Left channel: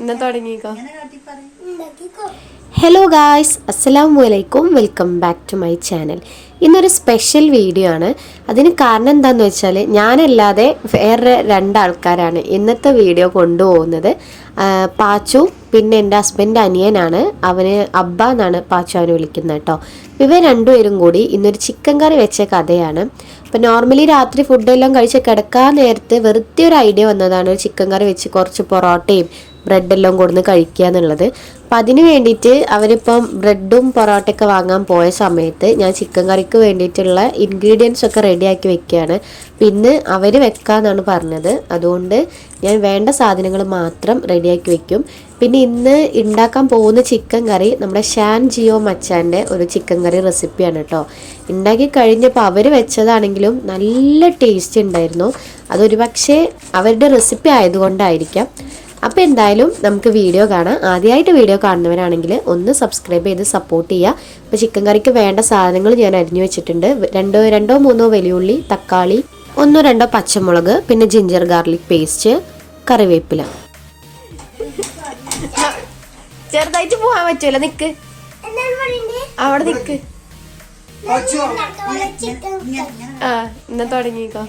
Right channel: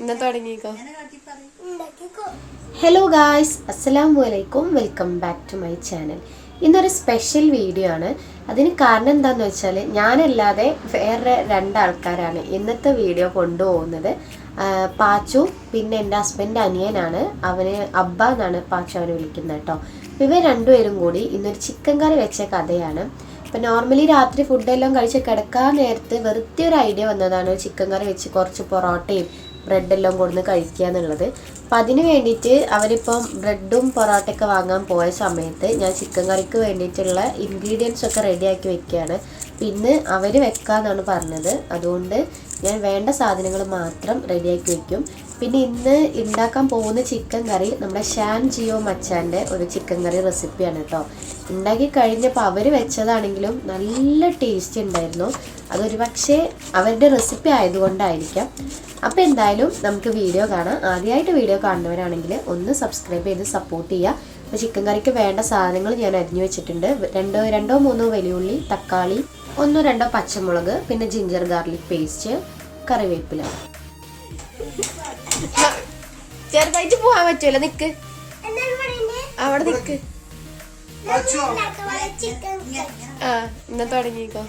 ഇന്ന് തുടങ്ങിക്കോ. Hello guys, അസ്സലാമു അലൈക്കും. Welcome back to my channel. ഇന്നൊരു സ്പെഷ്യൽ വീഡിയോ ആണ്. അതിന് കാരണം എന്താണെന്ന് വെച്ചാൽ ഞാനല്ലാതെ വേറെ രണ്ടാൾക്കാരാണ് ഇന്നത്തെ വീഡിയോ കൊണ്ടുപോകുന്നത്. പാച്ചു പിന്നെ എൻ്റെ ഹസ്ബൻഡ് അനിയനാണ്. അവന് അബ്ബ എന്നാണ് പാച്ചു അവനെ വിളിക്കുന്നത് കേട്ടോ. ഇവർ രണ്ടുപേരും കൂടി ഇന്നൊരു ചിക്കൻ കറി വെച്ച കഥയാണ്. അപ്പം നോർമലി രാത്രി ഫുഡെല്ലാം കഴിച്ച് കിടക്കാൻ നേരത്ത് വെറുതെ ഒരു ഐഡിയ വന്നതാണ് ഒരു ചിക്കൻ കറി വെച്ച് കുറച്ച് പൊറോട്ടയും ബ്രെഡെല്ലാം കൊടുന്ന് കഴിക്കുക എന്നുള്ളത്. അപ്പം അതിന് വേണ്ടിയിട്ട് അവരിപ്പം ബ്രെഡും പൊറോട്ടയൊക്കെ വാങ്ങാൻ പോയ സമയത്ത് ഞാൻ ചിക്കൻ കറിക്ക് വേണ്ടിയിട്ടുള്ള ഇൻഗ്രീഡിയൻസ് ഒക്കെ റെഡിയാക്കി വെക്കുകയാണ്. പിന്നെ അവർ വെക്കാമെന്നാണ് പറഞ്ഞത്. അതുകൊണ്ട് ഞാൻ വേണ്ട സാധനങ്ങൾ മാത്രം റെഡിയാക്കി വെക്കും. പിന്നെ ഇന്ന് ഉണ്ടാക്കാൻ പോകുന്ന ചിക്കൻ കറി നമ്മുടെ ഷാൻ ജിയോ മച്ചാൻ്റെ ഒരു ചിക്കൻ കറി റെസിപ്പിയാണ് കേട്ടോ. ഉണ്ടാക്കി കഴിഞ്ഞപ്പോൾ അവർ വെച്ചതാണെങ്കിലും നല്ല ടേസ്റ്റ് ഉണ്ടായിരുന്നു. അതൊരു പക്ഷേ അവരുടെ റെസിപ്പി ആയതുകൊണ്ടായിരിക്കാം. അപ്പോൾ എന്തായാലും നമുക്ക് വീഡിയോ കാണാം. ആദ്യമായിട്ട് വീഡിയോ കാണുന്നവരാണെങ്കിൽ ഒന്ന് സബ്സ്ക്രൈബ് ചെയ്ത് സപ്പോർട്ട് ചെയ്യുക. അപ്പോൾ ചിക്കൻ കറിക്ക് വേണ്ട സാധനങ്ങൾ ഞാൻ അരിഞ്ഞു വെച്ചിട്ടുണ്ട്. രണ്ടോ മൂന്നോ വലിയുള്ളി, തക്കാളി, 1-2 പച്ചമുളക്, പിന്നെ ജിഞ്ചർ ഗാർലിക് പേസ്റ്റ്, കറിവേപ്പില. ചെറുതായിട്ട് പോകാൻ പറ്റുമല്ലോ, നിക്ക് അവിടെ നിക്ക്. ഇന്ന് തുടങ്ങിക്കോ.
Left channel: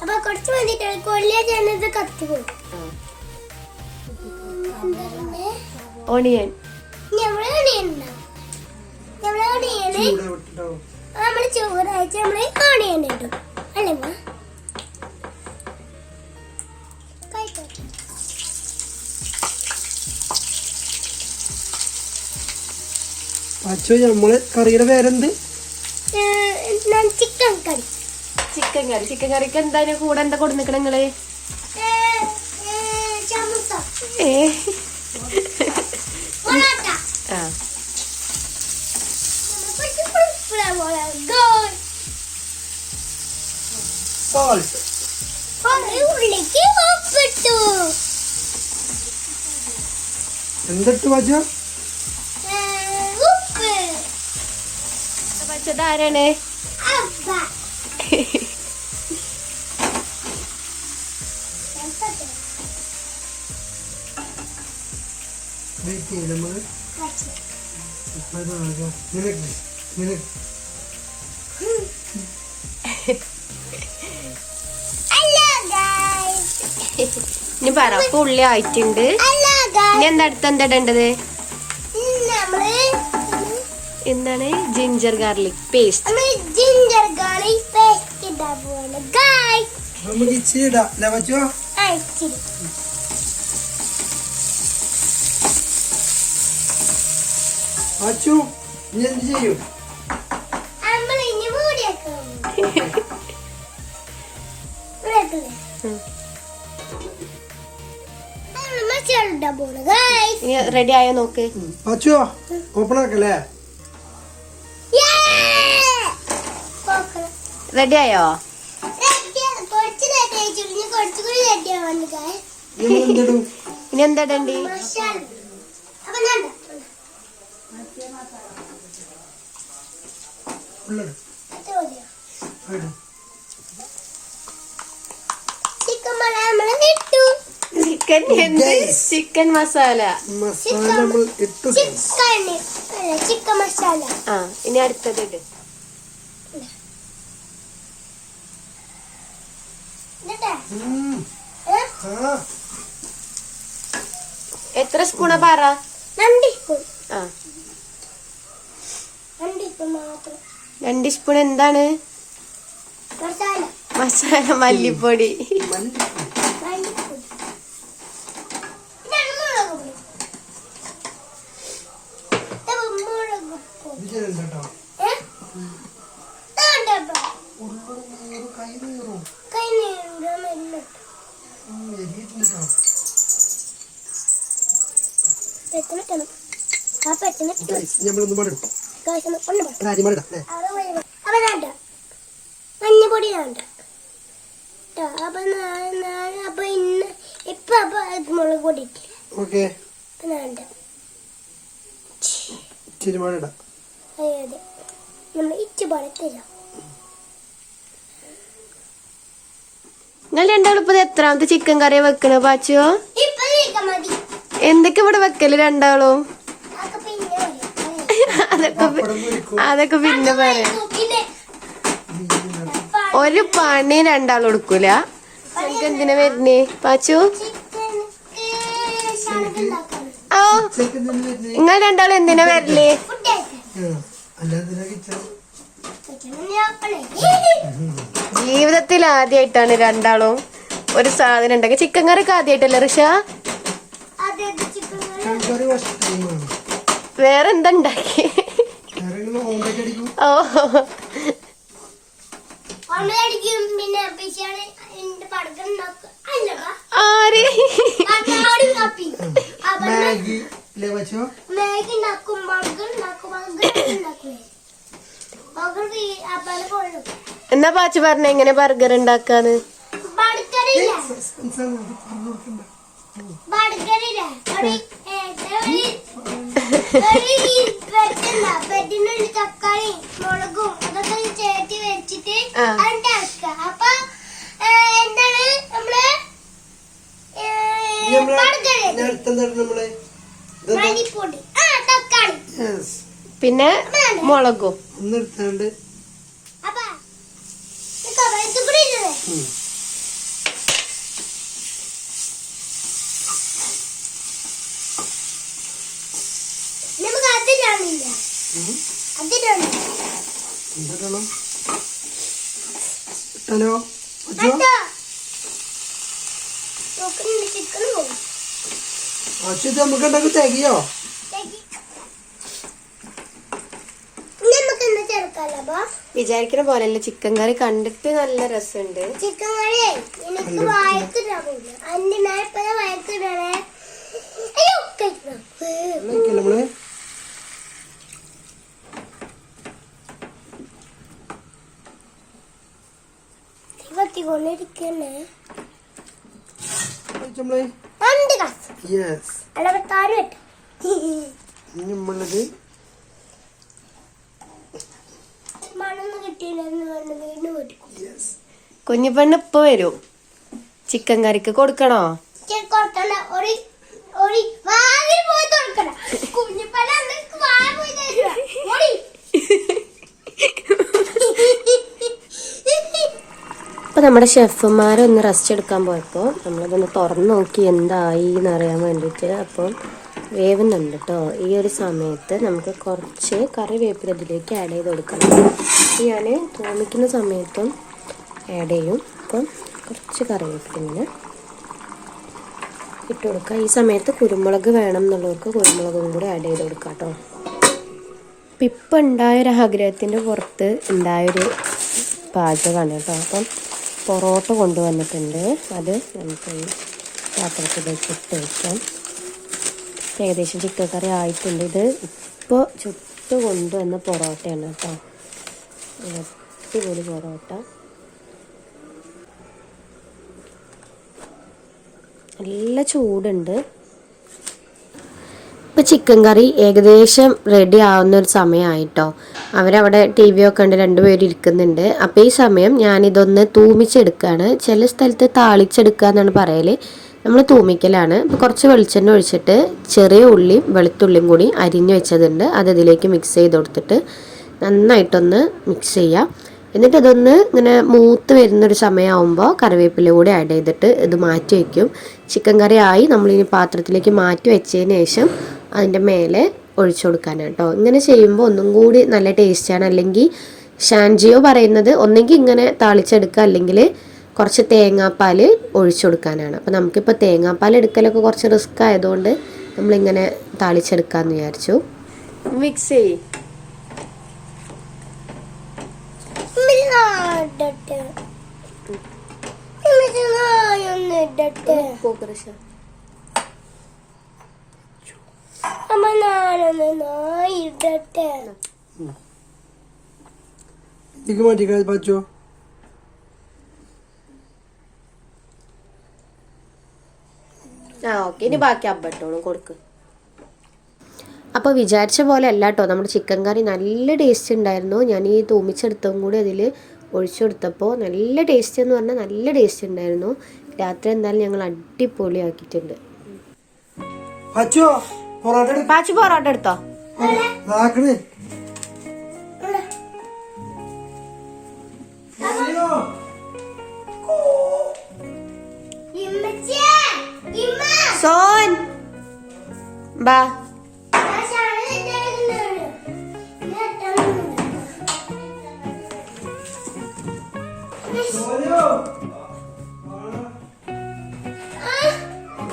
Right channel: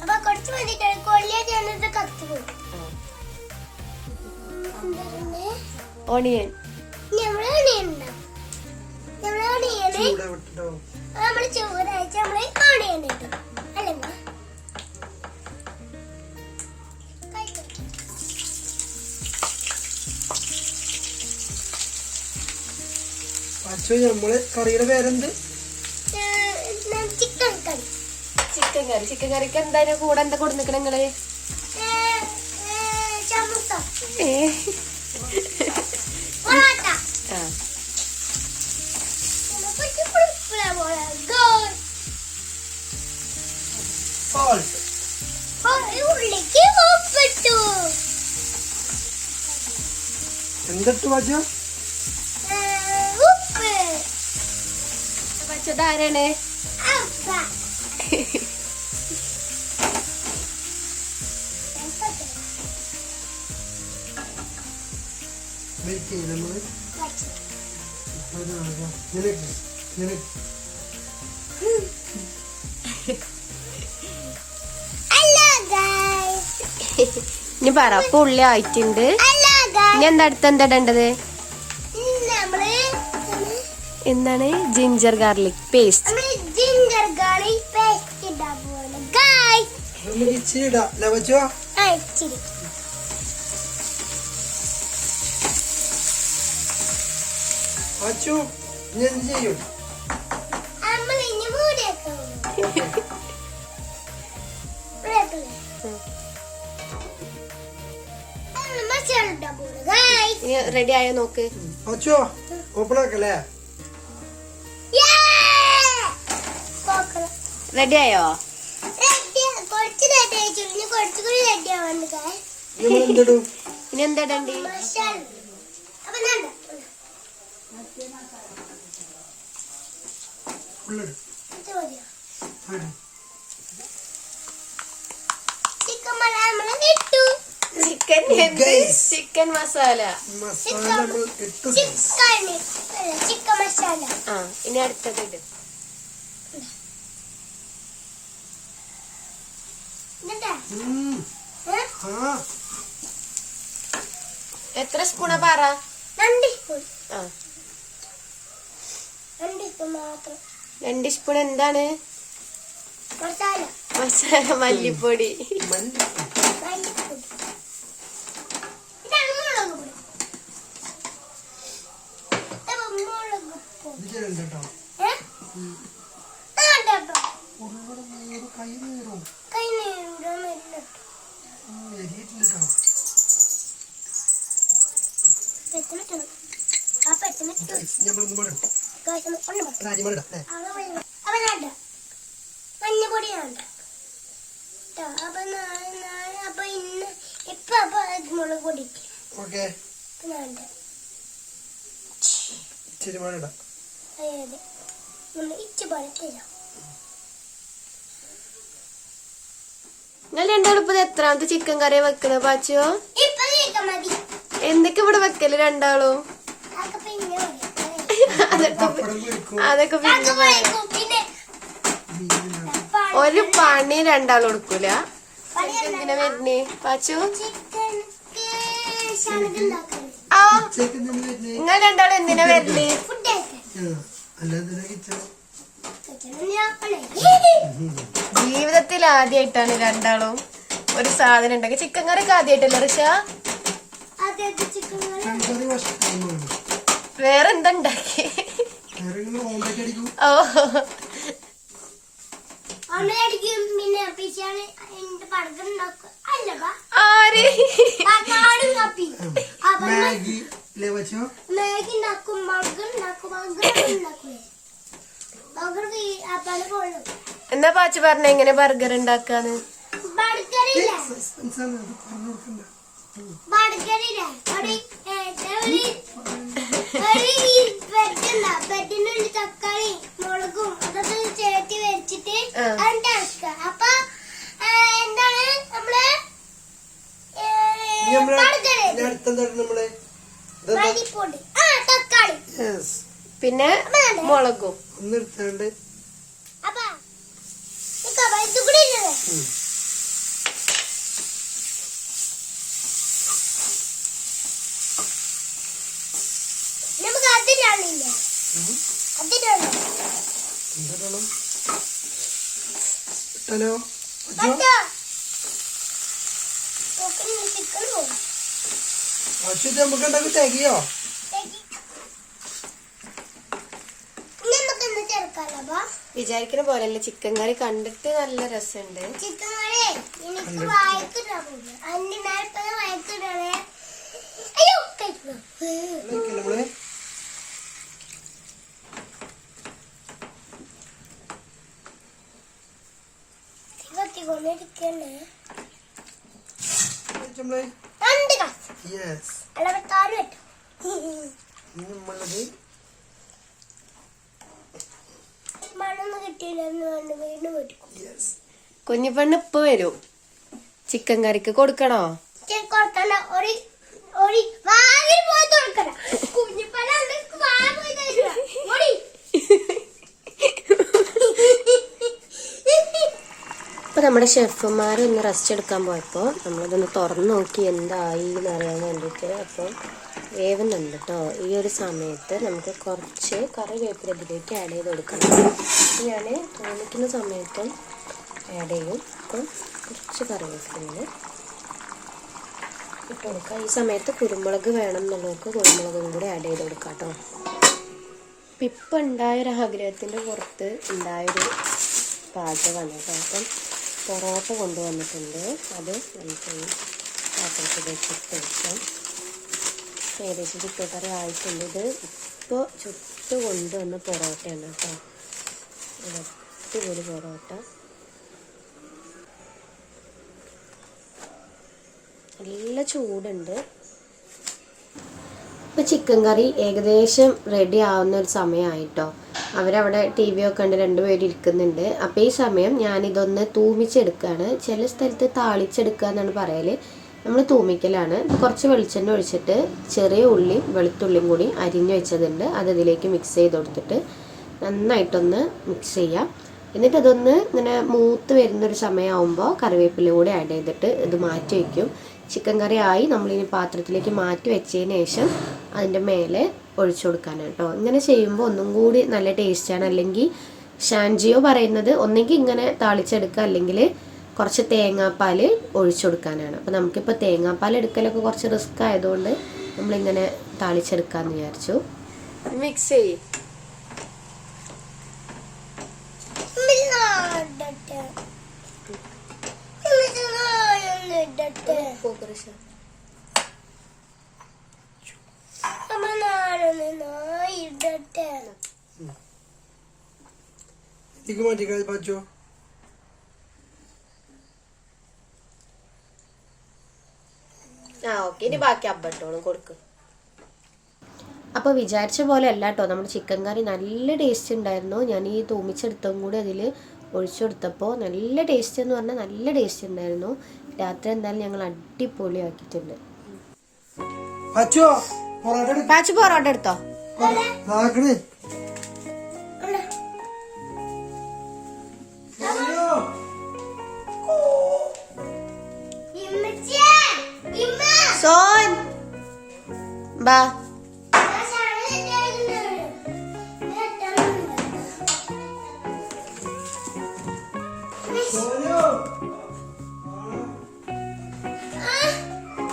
അപ്പൊ കുറച്ച് വേണ്ടിട്ടാണ് കൊള്ളിയത് കത്ത് ഓണിയൻ നമ്മള് ചോറാഴ്ച നമ്മള് ഓണിയൻ ഇട്ടു അല്ലേ? നമ്മള് കറിയുടെ പേരെന്ത്? ചിക്കൻ കറി. ചിക്കൻ കറിക്ക് എന്താ കൂടെ എന്താ കൊടുക്കണ നിങ്ങള്? എന്തിട്ടു വച്ച വച്ചതാരാണ്? ഇനി പറ. ഉള്ളി ആയിട്ടുണ്ട്. ഇനി എന്താ അടുത്ത് എന്താ ഇടേണ്ടത്? എന്താണ്? Ginger garlic paste. എന്ത് ചെയ്യും? റെഡി ആയോ നോക്ക്. ഓപ്പൺ ആക്കല്ലേ? റെഡി ആയോ? ഇനി എന്താ ഇടണ്ടി? ചിക്കൻ മസാല. ചിക്കൻ മസാല. ഇനി അടുത്തത് ഇട്. എത്ര സ്പൂണാ പറ? 2 സ്പൂൺ. 2 സ്പൂൺ എന്താണ്? മസാല. മല്ലിപ്പൊടി. മഞ്ഞപ്പൊടിയാണ്. അപ്പൊ ഇന്ന് ഇപ്പൊ മുളക് പൊടി. ഓക്കെ. വേണ്ട. തിരുമാനിടാം. അതെ നമ്മൾ ഇച്ചു പറത്തില്ല. നിങ്ങൾ രണ്ടാളും ഇപ്പൊ എത്രാമത്തെ ചിക്കൻ കറിയാ വെക്കണ പാച്ചോ? ഇപ്പൊ നീക്കം മതി. എന്തൊക്കെ ഇവിടെ വെക്കല് രണ്ടാളും? അതൊക്കെ പിന്നെ പറയാം. അതൊക്കെ പിന്നെ പറയാം. പിന്നെ ഒരു പണി രണ്ടാളും എടുക്കൂല. എന്തിനാ വരുന്നേ പാച്ചു? ആ നിങ്ങൾ രണ്ടാളും എന്തിനാ വരല്? ജീവിതത്തിൽ ആദ്യമായിട്ടാണ് രണ്ടാളും ഒരു സാധനം ഉണ്ടാക്കി. ചിക്കൻ കറിക്ക് ആദ്യമായിട്ടല്ലേ ഋഷ? വേറെന്താ ഉണ്ടാക്കി? ഓ ആര് എന്നാ പാച്ചു പറഞ്ഞ എങ്ങനെ ബർഗർ ഉണ്ടാക്കാന്ന്? തക്കാളി മുളകും അതൊക്കെ ചേർത്തി വെച്ചിട്ട് അപ്പൊ എന്താണ് നമ്മള് മല്ലിപ്പൊടി തക്കാളി പിന്നെ മുളകും അപ്പൊ ഇത് കൂടി ഇല്ലേ? നമുക്ക് അതിലാണില്ല അതിലാണ് ഹലോ ചിക്കൻ പോകും. നമുക്ക് ഉണ്ടാക്കി തികയോ? നമുക്കെന്താ ചേർക്കാലോ ബോസ്? വിചാരിക്കുന്ന പോലെയല്ല. ചിക്കൻ കറി കണ്ടിട്ട് നല്ല രസമുണ്ട്. ചിക്കൻ കറി എനിക്ക് വയക്കിടാൻ പോകില്ല. അതിന്റെ മേൽപ്പത വയക്കിടണേ. അയ്യോ നമ്മള് കൊണ്ടിരിക്കല്ലേ യെസ് നമ്മളത് മണ്ണൊന്നും കിട്ടിയില്ലെന്ന് കണ്ട് വീണ്ടും കൊടുക്കും. കുഞ്ഞിപ്പെണ്ണ് ഇപ്പൊ വരും. ചിക്കൻ കറിക്ക് കൊടുക്കണോ? കൊടുക്കണ്ട. ഒരു വാതിൽ പോയി തുറക്കണ്ട. കുഞ്ഞിപ്പല വായ പോയി തരുക. അപ്പൊ നമ്മുടെ ഷെഫുമാരൊന്ന് റെസ്റ്റ് എടുക്കാൻ പോയപ്പോ നമ്മളിതൊന്ന് തുറന്നു നോക്കി എന്തായി എന്നറിയാൻ വേണ്ടിയിട്ട്. അപ്പം വേവുന്നുണ്ട് കേട്ടോ. ഈ ഒരു സമയത്ത് നമുക്ക് കുറച്ച് കറിവേപ്പില ഇതിലേക്ക് ആഡ് ചെയ്ത് കൊടുക്കണം. ഞാൻ തോന്നിക്കുന്ന സമയത്തും ആഡ് ചെയ്യും. അപ്പം കുറച്ച് കറിവേപ്പില ഇങ്ങനെ ഇട്ട് കൊടുക്കുക. ഈ സമയത്ത് കുരുമുളക് വേണം എന്നുള്ളവർക്ക് കുരുമുളകും കൂടെ ആഡ് ചെയ്ത് കൊടുക്കാം കേട്ടോ. അപ്പം ഇപ്പം ഉണ്ടായൊരു ആഗ്രഹത്തിൻ്റെ പുറത്ത് ഉണ്ടായൊരു പാചകമാണ് കേട്ടോ. അപ്പം പൊറോട്ട കൊണ്ടുവന്നിട്ടുണ്ട്. അത് നമുക്ക് ഈ പാത്രത്തിലേക്ക് ഇട്ട് വയ്ക്കാം. ഏകദേശം ചിക്കൻ കറി ആയിട്ടുണ്ട്. ഇത് ഇപ്പോൾ ചുട്ട് കൊണ്ടുവന്ന പൊറോട്ടയാണ് കേട്ടോ. അടിപൊളി പൊറോട്ട. നല്ല ചൂടുണ്ട്. ഇപ്പം ചിക്കൻ കറി ഏകദേശം റെഡി ആവുന്ന ഒരു സമയമായിട്ടോ. അവരവിടെ ടി വി ഒക്കെ ഉണ്ട്, രണ്ടുപേരും ഇരിക്കുന്നുണ്ട്. അപ്പോൾ ഈ സമയം ഞാനിതൊന്ന് തൂമിച്ചെടുക്കുകയാണ്. ചില സ്ഥലത്ത് താളിച്ചെടുക്കുക എന്നാണ് പറയൽ. നമ്മൾ തൂമിക്കലാണ്. അപ്പോൾ കുറച്ച് വെളിച്ചെണ്ണ ഒഴിച്ചിട്ട് ചെറിയ ഉള്ളിയും വെളുത്തുള്ളിയും കൂടി അരിഞ്ഞു വെച്ചതുണ്ട്. അത് ഇതിലേക്ക് മിക്സ് ചെയ്ത് കൊടുത്തിട്ട് നന്നായിട്ടൊന്ന് മിക്സ് ചെയ്യാം. എന്നിട്ട് അതൊന്ന് ഇങ്ങനെ മൂത്ത് വരുന്നൊരു സമയമാകുമ്പോൾ കറിവേപ്പില കൂടി ആഡ് ചെയ്തിട്ട് ഇത് മാറ്റി വയ്ക്കും. ചിക്കൻ കറി ആയി നമ്മളിനി പാത്രത്തിലേക്ക് മാറ്റി വെച്ചതിന് ശേഷം അതിൻ്റെ മേലെ ഒഴിച്ചു കൊടുക്കാനാണ് കേട്ടോ. ഇങ്ങനെ ചെയ്യുമ്പോൾ ഒന്നും കൂടി നല്ല ടേസ്റ്റാണ്. അല്ലെങ്കിൽ ഷാൻജിയോ പറയുന്നത് ഒന്നെങ്കിൽ ഇങ്ങനെ താളിച്ചെടുക്കുക, അല്ലെങ്കിൽ കുറച്ച് തേങ്ങാപ്പാൽ ഒഴിച്ചു കൊടുക്കാനാണ്. അപ്പോൾ നമുക്കിപ്പോൾ തേങ്ങാപ്പാൽ എടുക്കലൊക്കെ കുറച്ച് റിസ്ക് ആയതുകൊണ്ട് നമ്മളിങ്ങനെ താളിച്ചെടുക്കാമെന്ന് വിചാരിച്ചു. മിക്സ് ചെയ്യും. മാറ്റിക്കാ പറ്റോ? ഓക്കെ, ഇനി ബാക്കി അബ്ബട്ടോളും കൊടുക്കും. അപ്പോൾ വിചാരിച്ച പോലെ അല്ല കേട്ടോ, നമ്മുടെ ചിക്കൻ കറി നല്ല ടേസ്റ്റ് ഉണ്ടായിരുന്നു. ഞാൻ ഈ തൂമിച്ചെടുത്തതും കൂടി അതിൽ ഒഴിച്ചു കൊടുത്തപ്പോൾ നല്ല ടേസ്റ്റ് എന്ന് പറഞ്ഞാൽ നല്ല ടേസ്റ്റ് ഉണ്ടായിരുന്നു. രാത്രി എന്തായാലും ഞങ്ങൾ അടിപൊളിയാക്കിയിട്ടുണ്ട്. പാച്ചു പൊറോട്ട എടുത്തോ? സോൻ ബാ.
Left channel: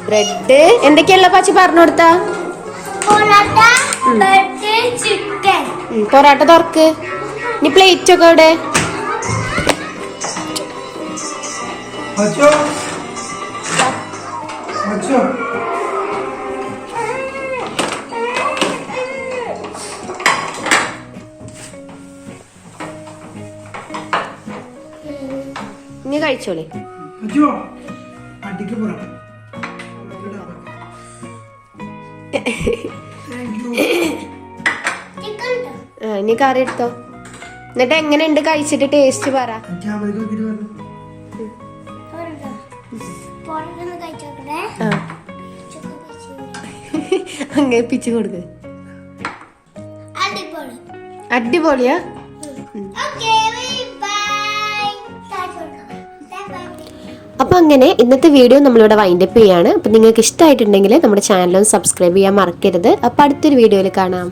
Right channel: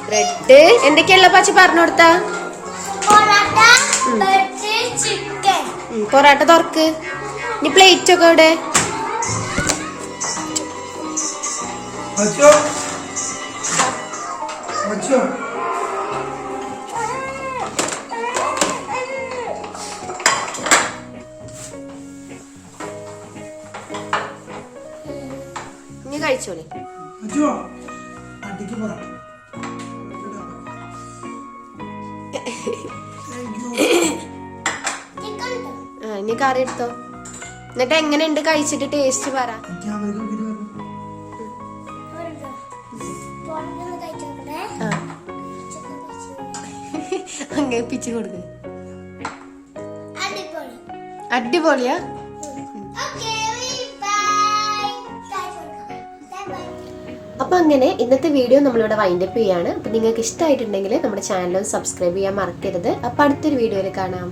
ബ്രെഡ് എന്തൊക്കെയല്ല പാച്ചു പറഞ്ഞു കൊടുത്താ? പൊറോട്ട തുറക്ക്. ഇനി പ്ലേറ്റ് ഒക്കെ ഇവിടെ. ഇനി കഴിച്ചോളേ. ഇനി കറി എടുത്തോ. എന്നിട്ട് എങ്ങനെയുണ്ട് കഴിച്ചിട്ട് ടേസ്റ്റ് പറ. അങ്ങനെ പിച്ച് കൊടുക്ക. അടിപൊളിയാ. അപ്പോൾ അങ്ങനെ ഇന്നത്തെ വീഡിയോ നമ്മളിവിടെ വൈൻഡപ്പ് ചെയ്യാണ്. അപ്പോൾ നിങ്ങൾക്ക് ഇഷ്ടമായിട്ടുണ്ടെങ്കിൽ നമ്മുടെ ചാനൽ സബ്സ്ക്രൈബ് ചെയ്യാൻ മറക്കരുത്. അപ്പോൾ അടുത്തൊരു വീഡിയോയിൽ കാണാം.